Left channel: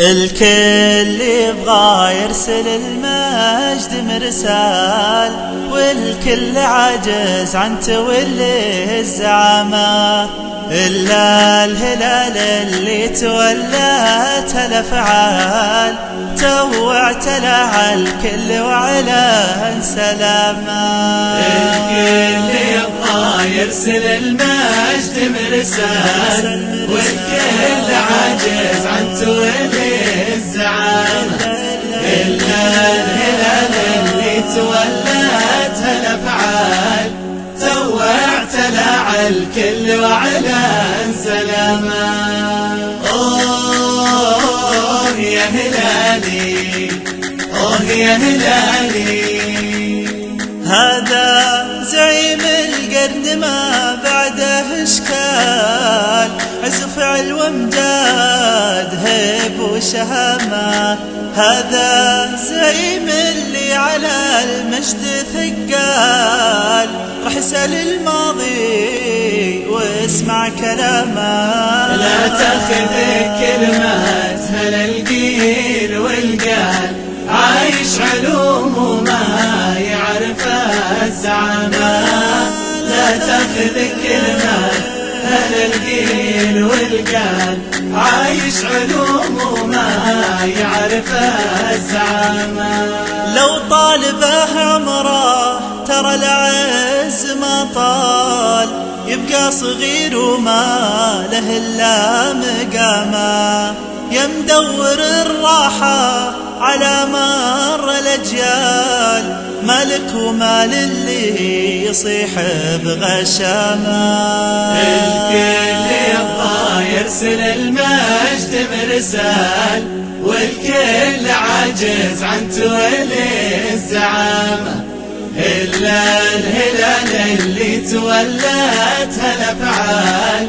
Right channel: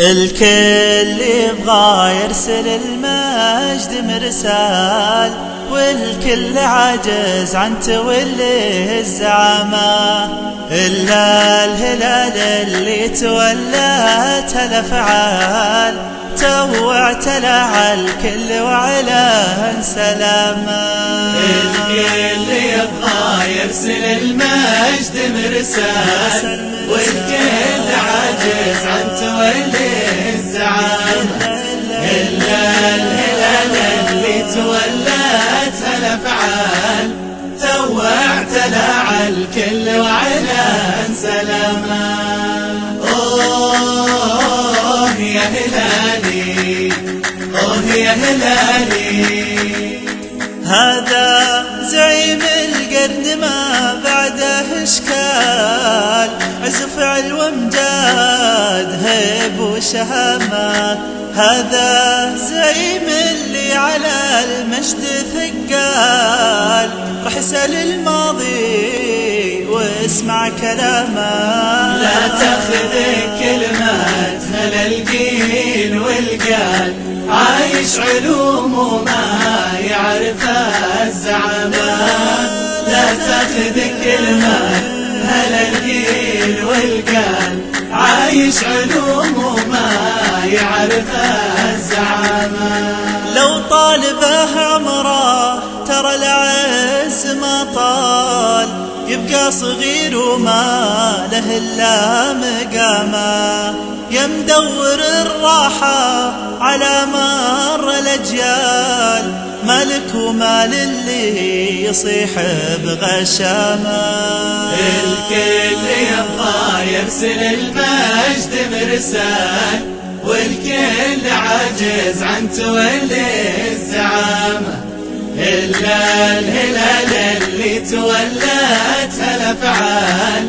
الكل يبغى يرسل المجد مرسال، والكل عاجز عن تولي الزعامة، إلا الهلال اللي تولت الأفعال توعت على الكل وعلى سلامة. الكل يبغى يرسل المجد مرسال، والكل عاجز عن تولي الزعامة، إلا الهلال اللي تولت الأفعال توعت على الكل وعلى سلامة. أوه يا هلالي، أوه يا هلالي، هذا زعيم القرن ما بعده اشكال، عز فعل وامجاد هيب وشهامة، هذا زعيم اللي على المجد ثقال، راح يسأل الماضي واسمع كلامه. لا تاخذ كلمات من القيل والقال، عايش علوم وما يعرف الزعامة. لا تاخذ كلمات من القيل والقال، عايش علوم وما يعرف الزعامة. لو طالبه عمره ترى العز ما طال، يبقى صغير وما له الا مقامه، يا مدور الراحة على مر الأجيال، مالك ومال اللي يصيح بغشامة. الكل يبغى يرسل المجد مرسال، والكل عاجز عن تولي الزعامة، إلا الهلال اللي تولت الأفعال